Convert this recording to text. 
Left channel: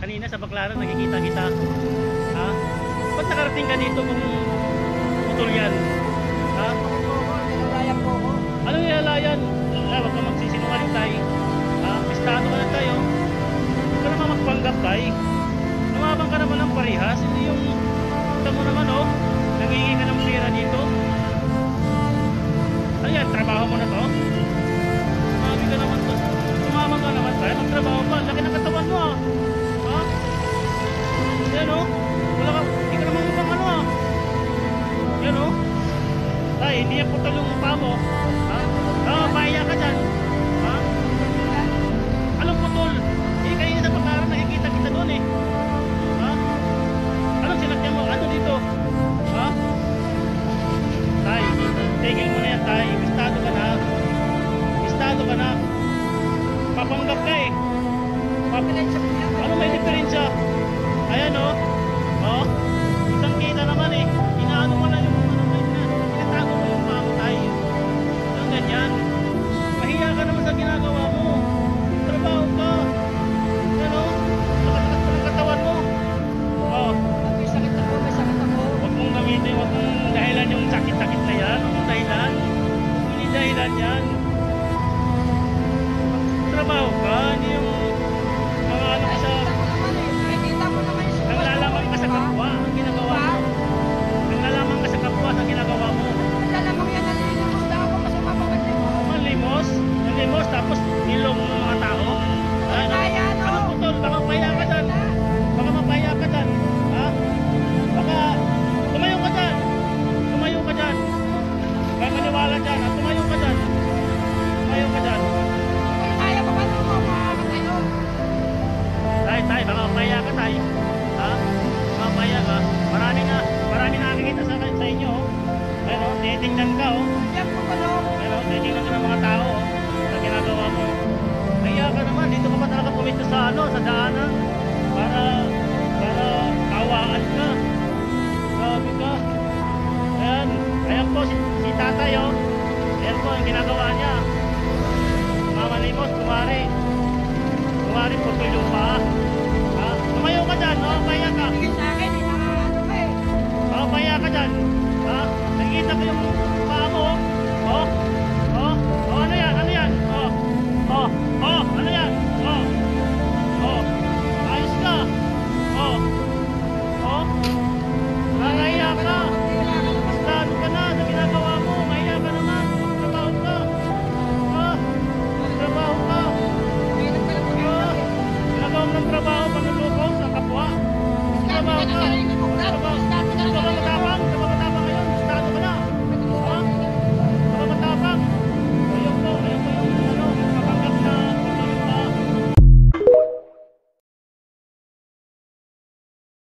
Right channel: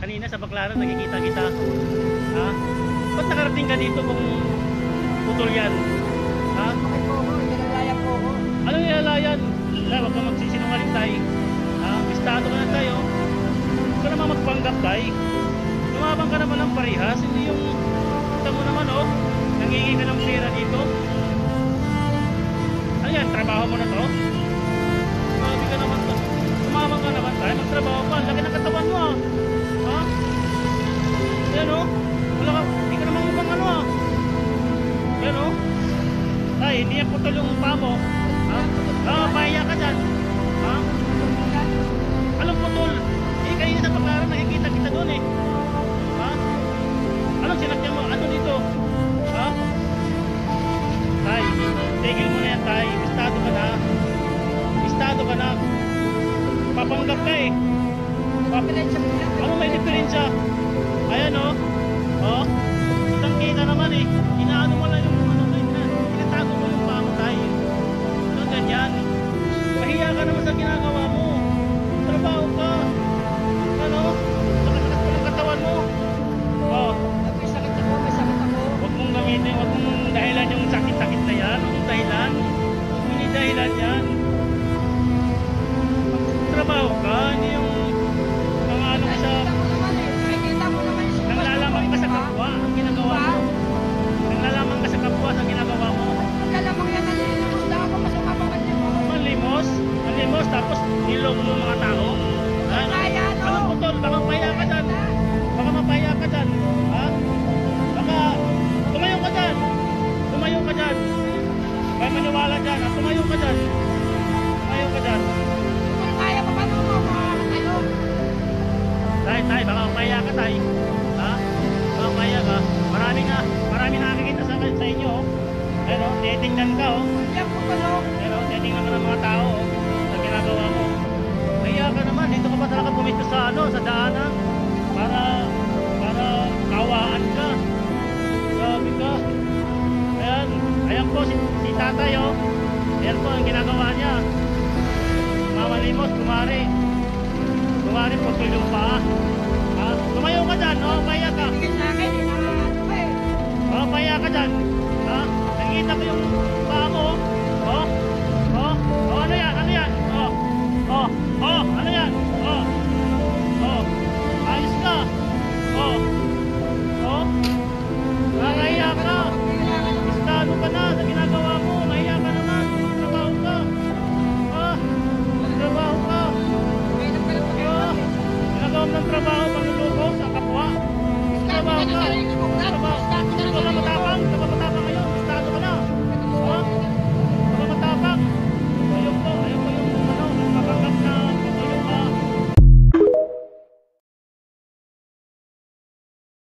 Kanina sa Baclaran nakikita kita. Ha? Ba't nakarating ka dito kung putol yan? Ha? Bakit po ako? Inalalayan po ako. Anong nilalayan? Wag kang magsisinungaling tay. Ha? Bistado ka na tayo. Huwag ka naman magpanggap tay. Lumabang ka naman ng parihas. Hindi yung kita mo naman oh. Nangingi ka ng pera dito. Ano yan? Trabaho mo na to? Sabi ka naman to. Tumamang ka naman tayo. Magtrabaho pa. Laki ng katawan mo ah. Ha? Yan oh. Wala ka. Hindi ka naman mukhang ano ah. Yan oh. Tay, hindi yan putol yung mukha mo. Ha? Pahiya ka dyan. Ha? Anong putol? Eh, kanina sa Baclaran nakikita kita doon eh. Ha? Anong sinakyan mo? Ano dito? Ha? Tay, tigil mo na yan tay. Bistado ka na. Bistado ka na. Papanggap ka eh. Ano may diferensya? Ayan oh. Oh. Kitang kita naman eh. Inaano mo lang yung ano mo. Tinatago mo yung paa mo tayo. Ito ganyan. Mahiya ka naman sa ginagawa mo. Trabaho ka. Yan oh. Saka-sakat mo ng katawan mo. Oh. May sakit ako, may sakit ako. Huwag mong gamitin. Huwag mong dahilan yung sakit-sakit na yan. Huwag mong dahilan. Huwag mong dahilan yan. Trabaho ka. Hindi yung mga ano ka sa... Nakikita ko naman eh. Nakikita ko naman yung sitwasyon Nanglalamang ka sa ko, kapwa. Anong ginagawa mo? Nanglalamang ka sa kapwa sa ginagawa mo. Naglalamang yan, nalilimos lang ako, masama pa manlimos. Manlimos? Manlimos tapos niloko mo mga tao? Ano? Kaya, no? Anong putol? Baka mapahiya ka dyan. Baka mapahiya ka dyan. Ha? Baka tumayo ka dyan. Tumayo ka dyan. Kaya maniwala dyan. Ha? Tumayo ka dyan. Tumayo ka dyan. Kung kaya pa, paano mo makakatayo? Tay, baka mapahiya ka tay. Ha? Baka mapahiya ka. Marami nakakikita sa inyo. Oh. Pero titingnan ka oh. Yan po tulog. Pero titingnan ka ng mga tao oh, sa ginagawa mo. Mahiya ka naman, dito ka pa talaga pumisto sa ano, sa daanan para kawaan ka. Grabe ka. Ayan po si tatay oh. Ayan po ang ginagawa niya. Mamalimos, kumari putol yung paa. Ha? Tumayo ka dyan, oh, pahiya ka. Tingin sa akin, ano ba eh. Oh, pahiya ka dyan. Ha? Nakikita ko yung paa mo oh. Oh, ano yan? Ano yan? Ayos ka. Nakakahiya ka. Bistado ka na sa ginagawa mo. Mahiya ka naman. Magtrabaho ka. Magtrabaho ka. Ginagawa mo ng trabaho, panluloko sa kapwa. Magtrabaho ka. Magtrabaho